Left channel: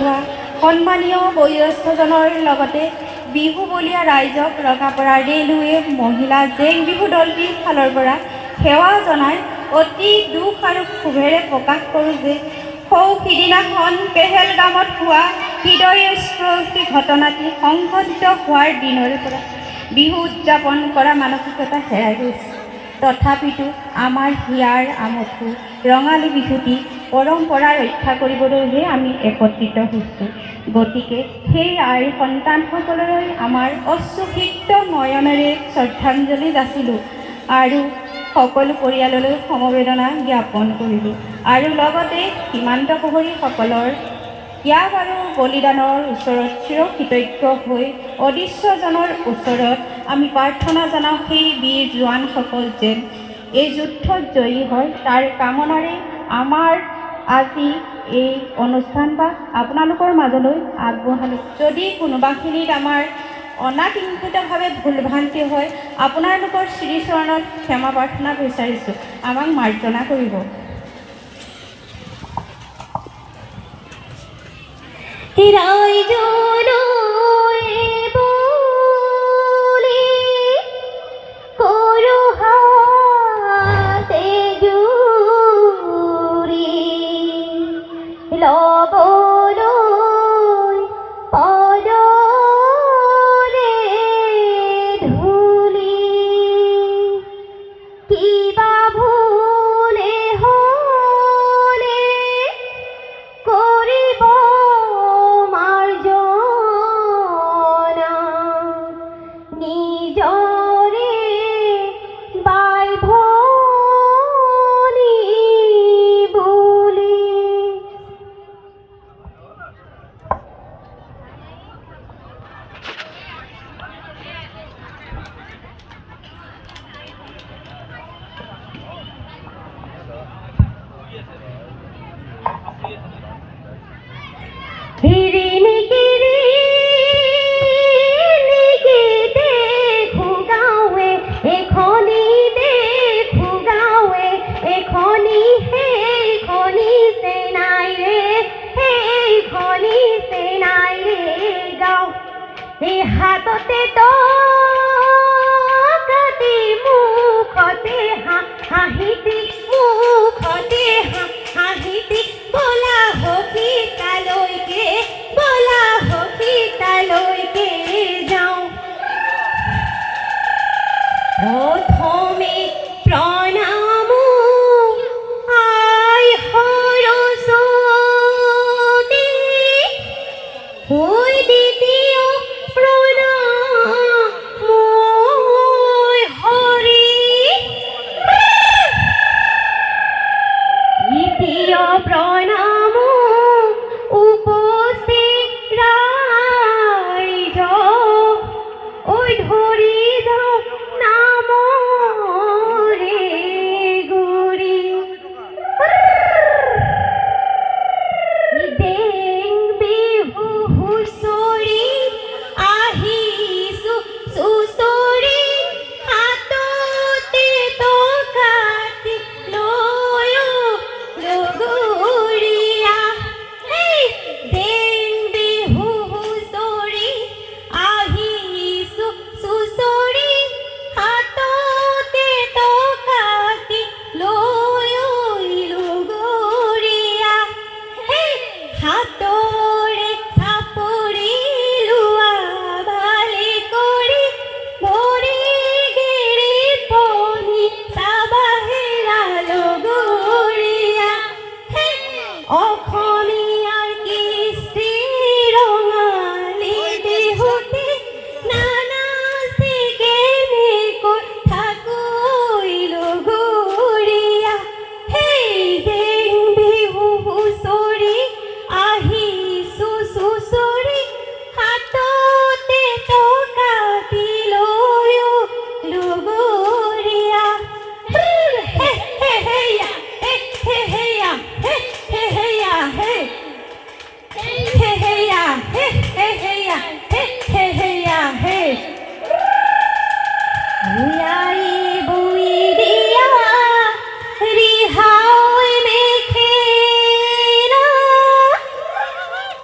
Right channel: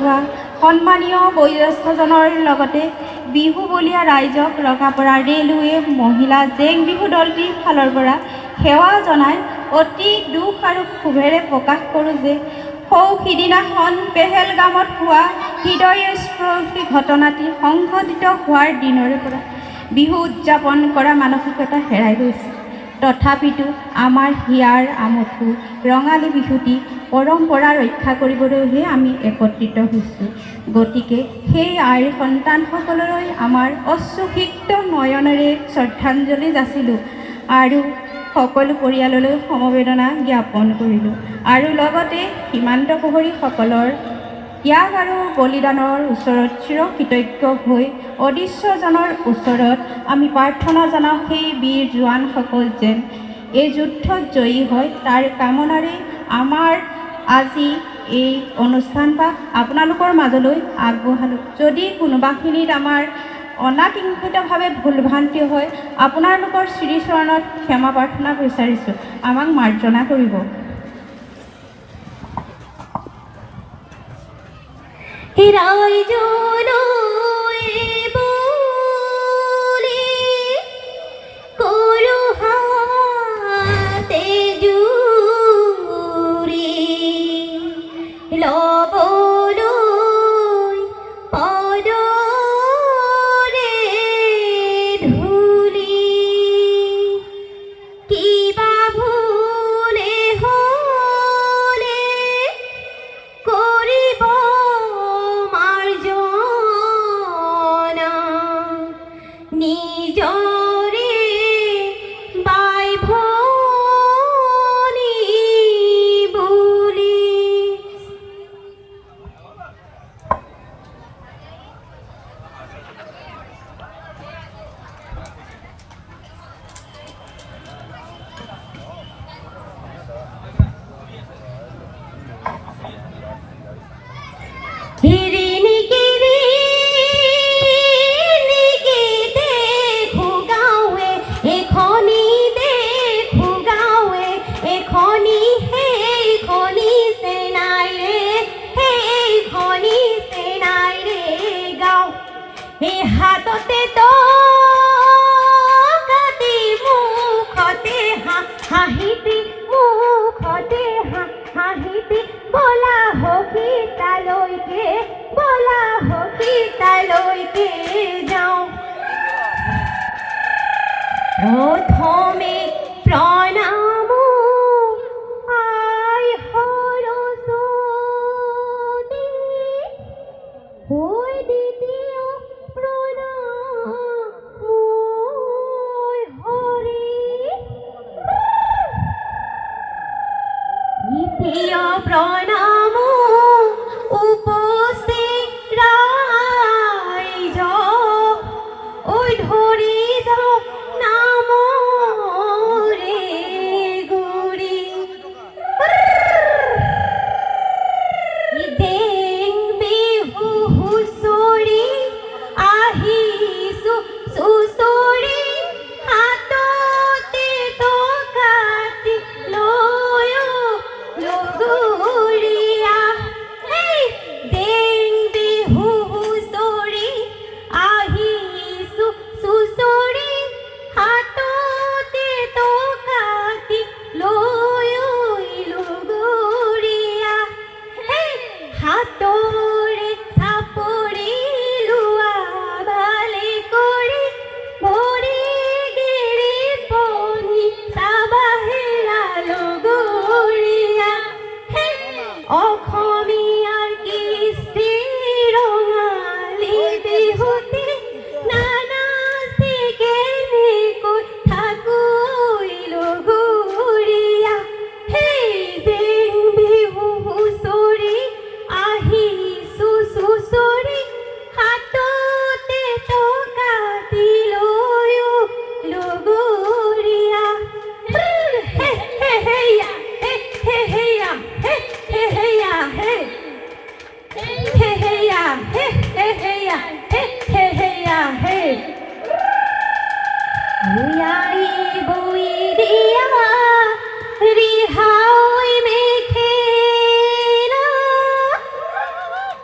হোৱা সন্মানীয় বয়োজ্যেষ্ঠজনৰ লগতে বিহু বলীয়া ৰাইজক ৰঙাপাৰা ৰেলৱে মহিলা জেং বিহু দলটিৰ ফালৰ পৰা সেৱা জনাই অতি দুখ আৰু ক্ষোভেৰে প্ৰকাশ কৰোঁ যে সিদিনাখন পেহেলগামত হোৱা হৃদয়স্পৰ্শী ঘটনাটি সংঘটিত হোৱাৰ দিনৰে পৰা বিহু উদযাপন কৰা মানসিকতা হেৰাই গৈছে। তথাপিতো আমাৰ হিয়াৰ আমঠু ৰঙালী বিহুটি পৰম্পৰা ৰক্ষা কৰিবলৈহে আমি একত্ৰিত হৈছোঁ। গতিকে সেই আইৰ সন্তানসকললৈ আমাৰ অশ্ৰুসিক্ত নয়নেৰে শ্ৰদ্ধাঞ্জলি যাচিলোঁ আৰু সকলো পৰিয়াললৈ সমবেদনা জ্ঞাপন কৰিলোঁ আৰু লগতে সীমান্ত প্ৰহৰীসকলৰ ত্যাগ আৰু বলিদানৰ ওচৰত চিৰকৃতজ্ঞ হৈ অদৃশ্যজনৰ ওচৰত আমি প্ৰাৰ্থনা জনাওঁ সেই বীৰ জোৱানসকল যেন এই যুদ্ধত জয়ী হয় তাৰ কামনাৰে আমাৰ আজি এই অনুষ্ঠানভাগ আপোনালোকৰ মাজলৈ আগবঢ়ালোঁ। যদি কোনোবাখিনিত আমাৰ অনাকাংক্ষিতভাৱে ভুল ভ্ৰান্তি হয় আপোনালোকৰ শ্ৰীচৰণত ক্ষমা প্ৰাৰ্থনা বিচাৰিছোঁ, আমাক মাৰ্জনা কৰিব। মাৰ্জনা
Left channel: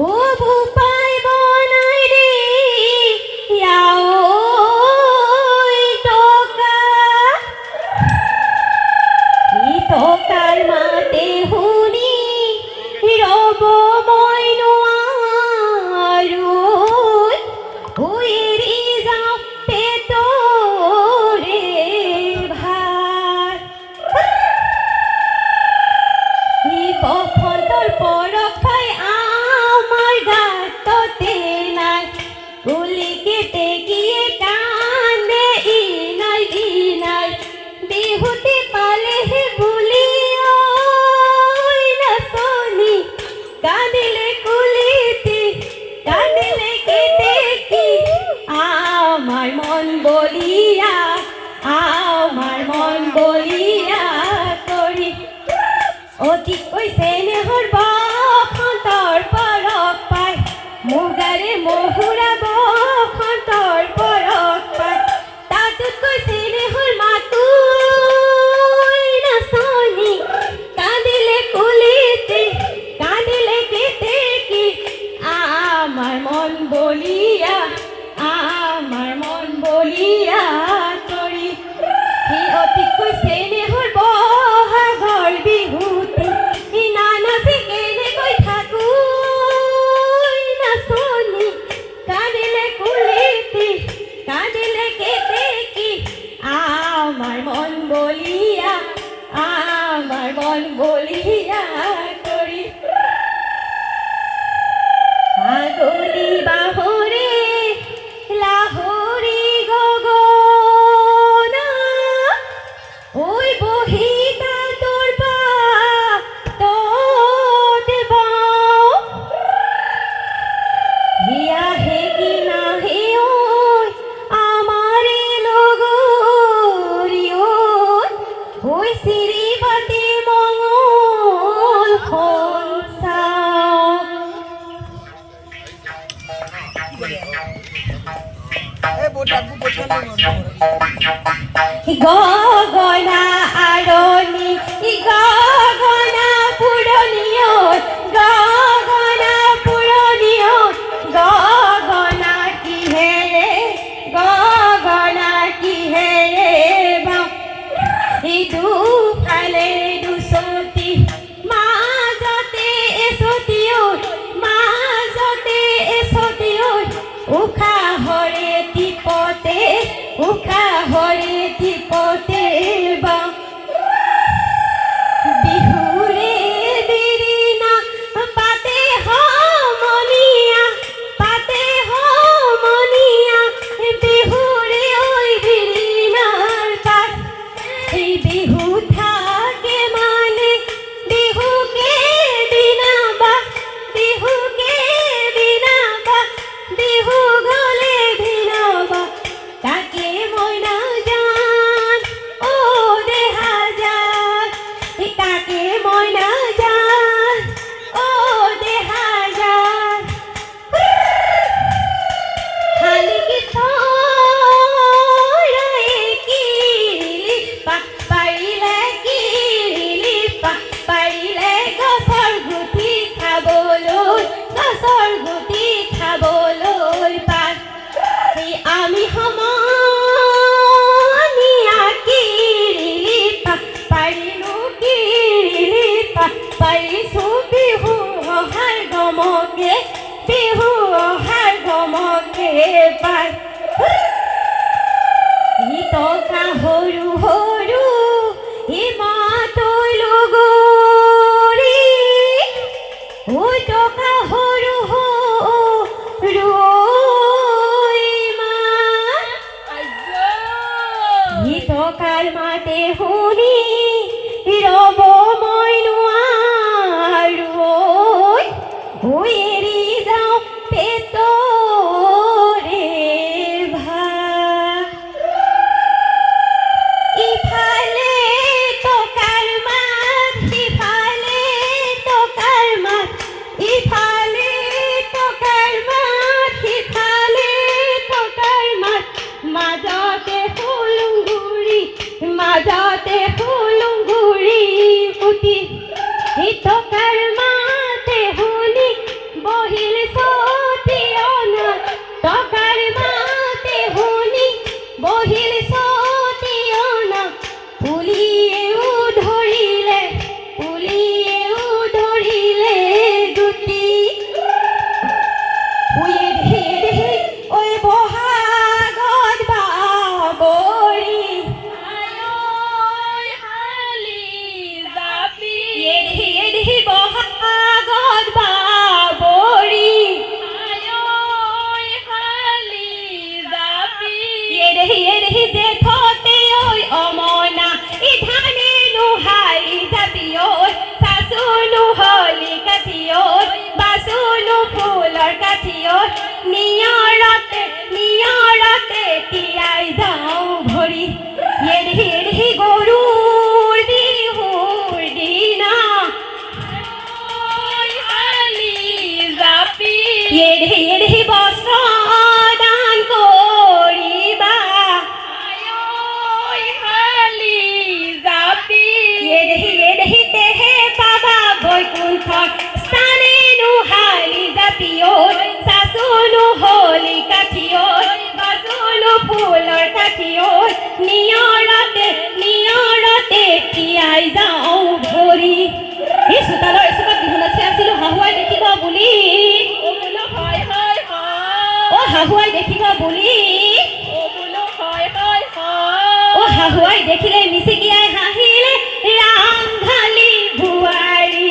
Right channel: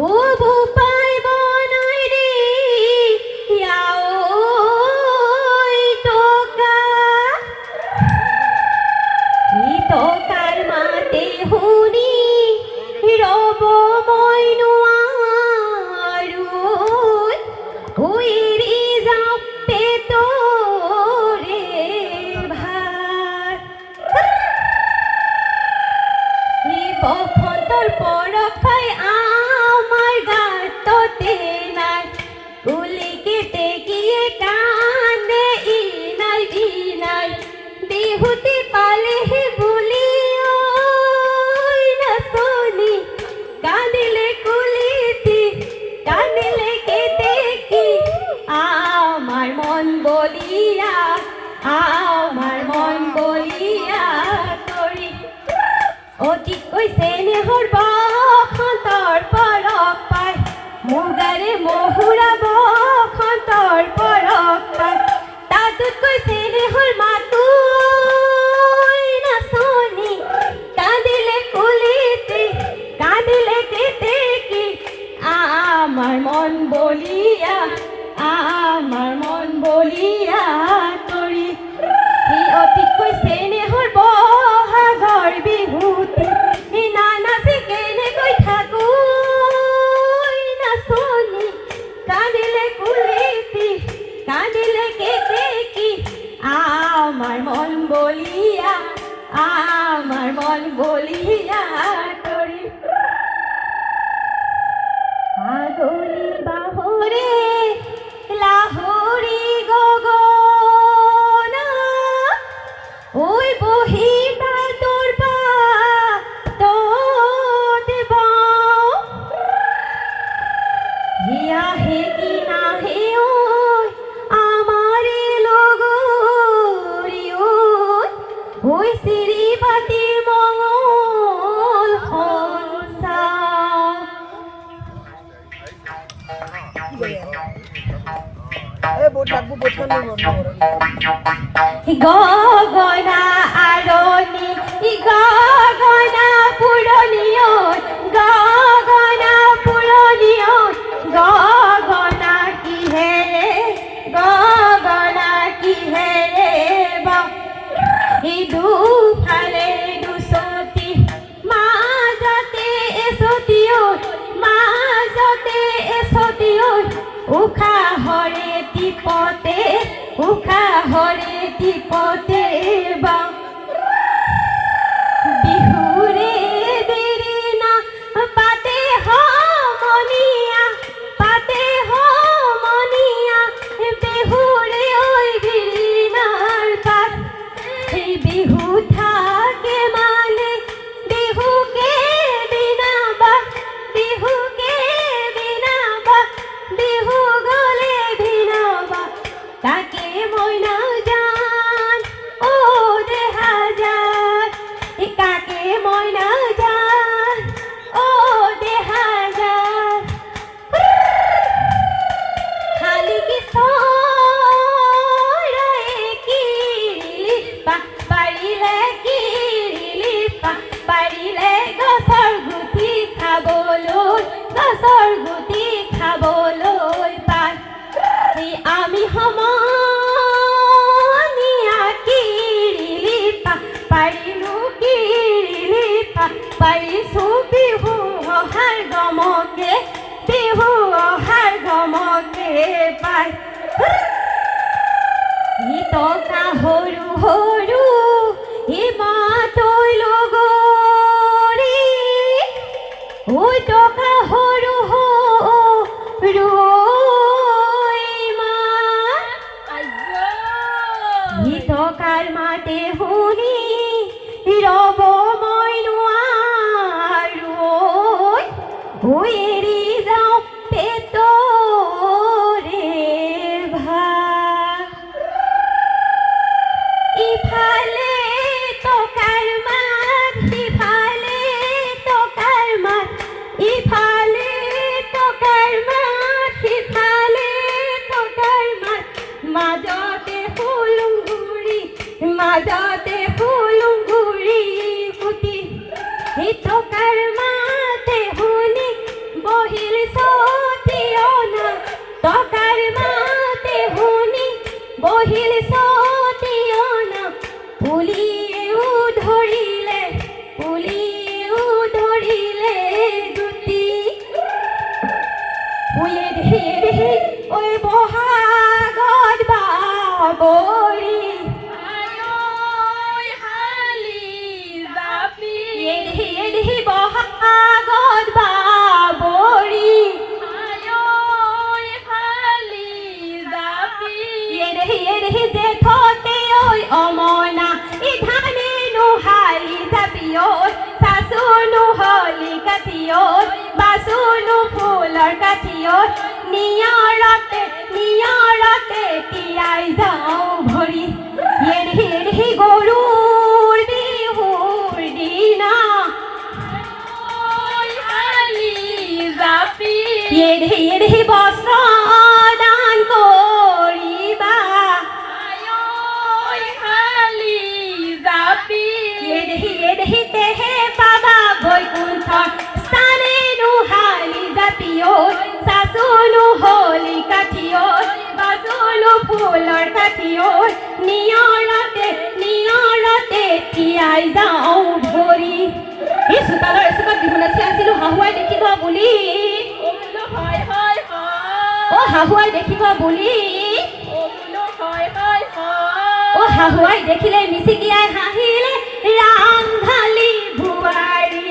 ভূপাই বনাই ৰে ইয়াও টকা ই টকাৰ মাতে শুনি ৰব মই নোৱাৰো এৰি যাম পেটৰে ভাত ই বসন্তৰ পৰখাই আমাৰ গাততে নাই উলিকে টেকিয়ে কান্দে ই নাই বিহুতে পালেহে বুলি ঐ নাচনি কান্দিলে কুলিতে কান্দিলে কেতেকি আমার মন বলিয়া তৰি অতিকৈ চেনেহৰ বসন্তৰ পৰশ পাই মুগাৰে মহুৰা বসন্তৰ পৰশ পাই তাতোতকৈ চেনেহৰ মাতো নাচনি কান্দিলে কুলিতে কান্দিলে কেতেকি আমাৰ মন বলিয়া তৰি ই অতিকৈ চেনেহৰ বহাগৰ বিহুতে ই নানাচি কেনেকৈ থাকো নাচনি কান্দিলে কুলিতে কান্দিলে কেতেকি আমার মন বলিয়া তৰি আগলি বাহৰে লাহৰি গগনা ঐ বহি তাঁতৰ পাততে বাওঁ আহে কি নাহে ঐ আমাৰে লগৰী ঐ চিৰি পাতি মঙল চাওঁ গগনা আৰণি গগনা পুৰণিও গগনা কিহেৰে বা দুফালে দুচতি মাজতে এচতি উশাহৰে টিপতে বা বিহুৰে বিৰিণা পাতে সমনীয়া বিহুৰে ঐ বিৰিণাৰ পাত এই বিহু থাকে মানে বিহুকে দিনা বা বিহু গলে ভিনা বা তাকে মই নাজান ও দেহা যান তাকে মই নাজান ও দেহা যান শালিকি চৰায়ে কিৰিলি পাৰিলে গছৰ গুটি খাবলৈ পাত আমি সমনীয়া কিৰিলি পাৰিছো বিহু অহাৰ গমকে পাই ই টকা সৰু ই মাতৈ লগৰী ঐ টকা সৰু ই টকাৰ মাতে শুনি ৰব মই নোৱাৰো এৰি যাওঁ পেটৰে ভাত ইফালে টকাৰ মাত সিফালে টকাৰ মাত ইফালে টকাৰ মাত সিফালে টকাৰ মাত মাজতে হুলুংগুৰি পুতি টকাৰ মাতে শুনি বহিল এড়ে বস্ত্র দান করিবা আয়ৈ হালি জাপি এড়ে তেহে পাবা বৈকুণ্ঠ স্থানে নুহালি জাপিও শাসনু হলি কাঠিও বাসনু ফুলৰ কাঠিও নিয়ৰতে তিয়াই যাওঁ ধৰি এই চোতালৰ এচুকত বিহু নাচি আছিলো হাহুৱাই দেখিব বুলি বোলো হয় হয় অ হাহুৱাই দেখিব বুলি বোলো হয় হয় অ হাহুৱাই দেখিলে মিচিকিয়াই হাঁহিলে ৰাম ঢালি বোৱাৰী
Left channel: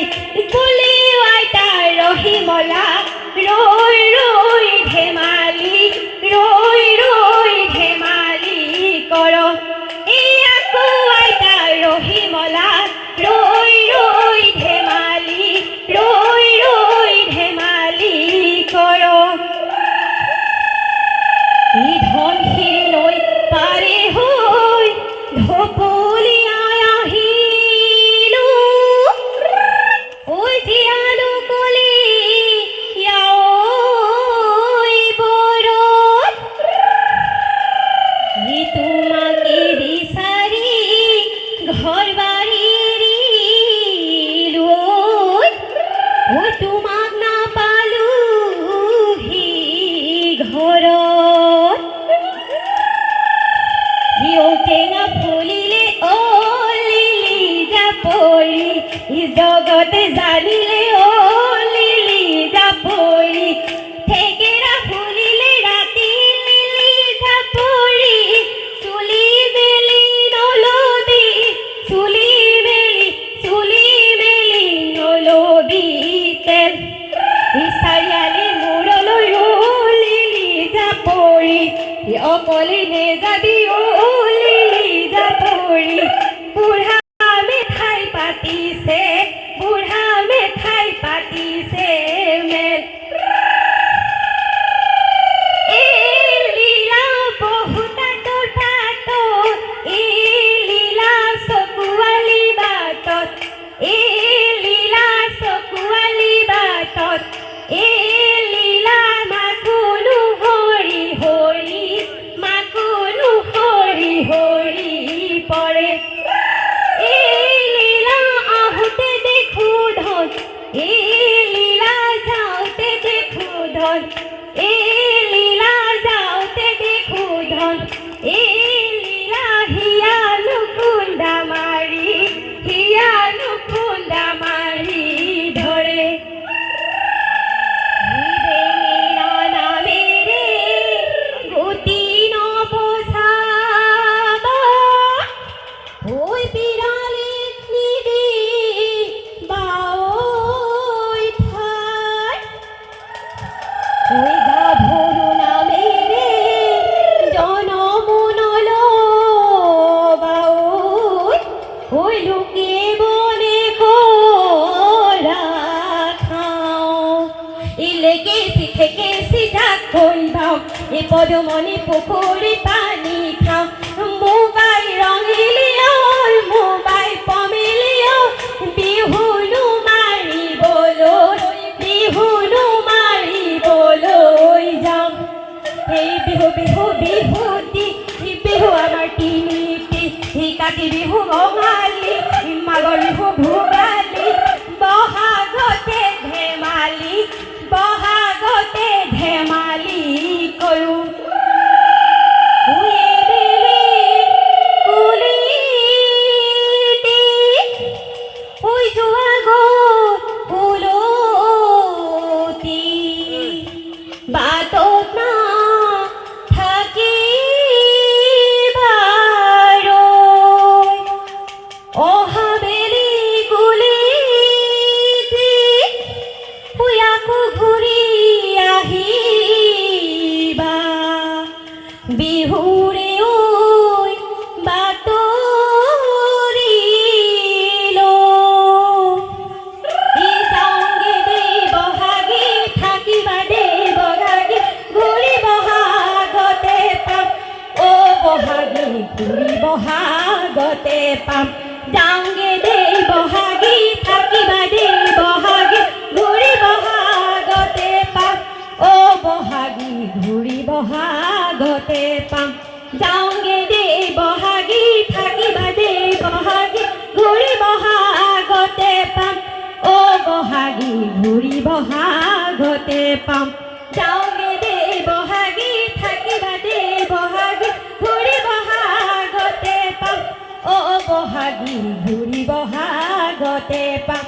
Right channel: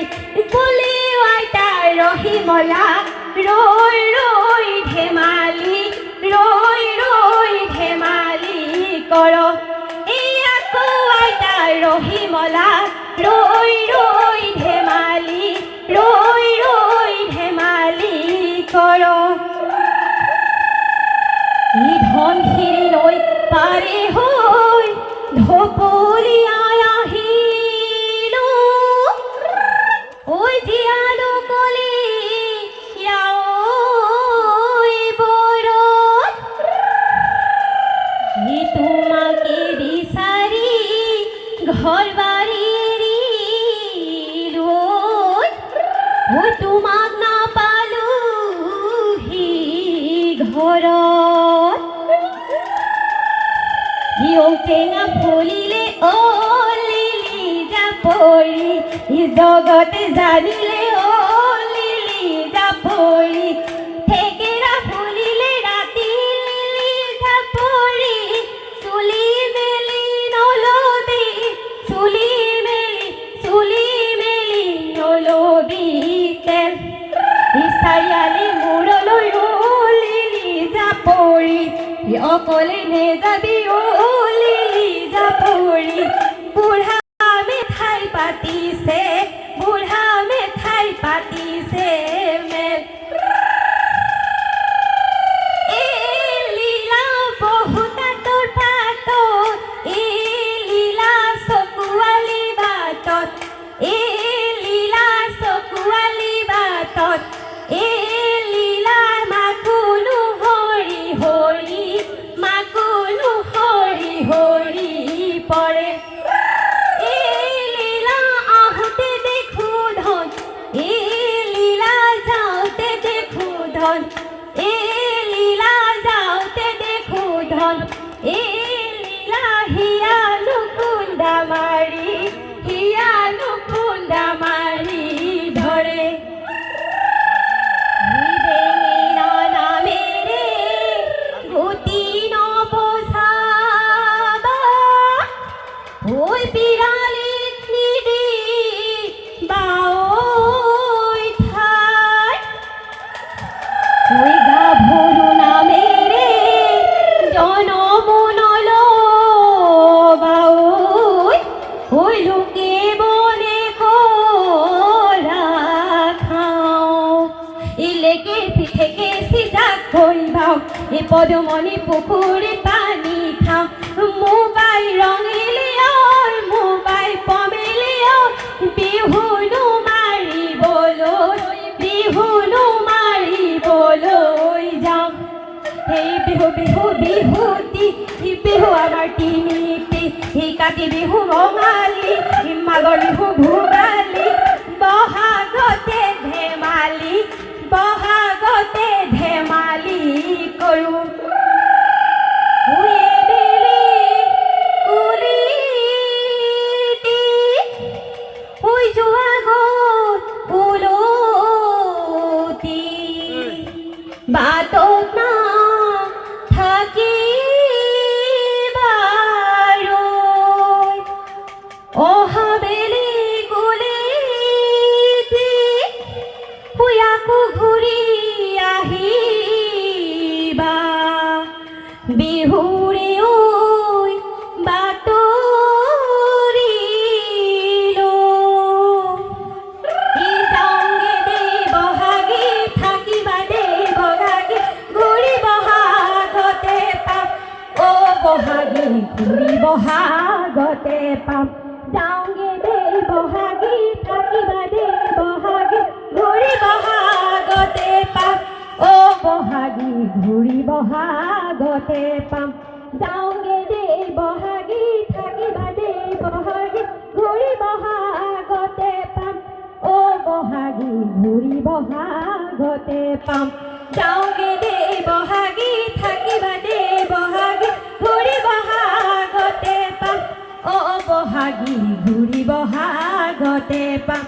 কলি আইতা ৰহিমলা ৰৈ ধেমালি কৰ এই আকৌ আইতা ৰহিমলা ৰৈ ধেমালি কৰ ই ধনশিৰি লৈ পাৰে হৈ ঢপলিয়াই আহিলো ঐ জীয়ালো কলি ঐ বৰত ই তোমাকে বিচাৰি ঘৰ বাৰী এৰিলো ঐ তোমাক নাপালোহি ঘৰত টেঙা ফুলিলে অ লিলি জাপৰি জগতে জানিলে অ লিলি জাপৰি থেকেৰা ফুলিলে ৰাতি লিলি জাপৰি চুলি মেলি নলবি তেল চাৰিআলি মূৰলৈ লিলি জাপৰি অকলে নেযাবি অ লিলি জাপৰি বুঢ়া মেঠাই পাতিছে মেল এই লীলা বহুতা তোৰ পাতত এই লীলা চকুৱালী বাটত এই লীলা চকুৱালী বাটত এই লীলা মাকুনো হৰি হৰি পৰে এই লীলা আহোঁতে দেখো ধন এই লীলা যাওঁতে দেখো ধন এই লীলা যাওঁতে দেখো ধন এই লীলা হিয়ানো খুন্দা মাৰি ধৰে বেঙেনা নামেৰে গতি নপচাব ঐ বিৰালী নিদি বাঐ ঠাই ঐ গাভৰু নামেৰে জনম নলবা ঐ লোকে বলে কৰা খাওঁ ইলেকে চিঠেকে চিধা কৰিবাওঁ এই পদুমণি পুখুৰী পানী খাওঁ মোবাই ৰঙিলে মোবাই পমিলে বিহুনো মাৰিবলৈ যাওঁ এই বিহুতি বিহু আমাৰ তিনিটি কাতি বিহু ৰঙালী মাঘৰ বিহু ভোগালী বহাগতে ধেমালি কৰোঁ বাটত না থাকিবাৰৈ অহাবেলি গুলিতি আকৌ ঘূৰি আহিবা বিহুৰে ঐ বাতৰিলো ই যাওঁগে দে বহাগী থাকিবা দে বহাগী ঘূৰি বহাগতে পাম অ বহাগী ঘূৰি বহাগতে পাম যাওঁগে দে বহাগী থাকিবা দে বহাগী ঘূৰি বহাগতে পাম ঘূৰি বহাগতে পাম যাওঁগে দে বহাগী থাকিবা দে বহাগী ঘূৰি বহাগতে পাম অ' বহাগী ঘূৰি বহাগতে পাম যাওঁগে দে বহাগী থাকিবা দে বহাগী ঘূৰি বহাগতে পাম অ' বহাগী ঘূৰি বহাগতে পাম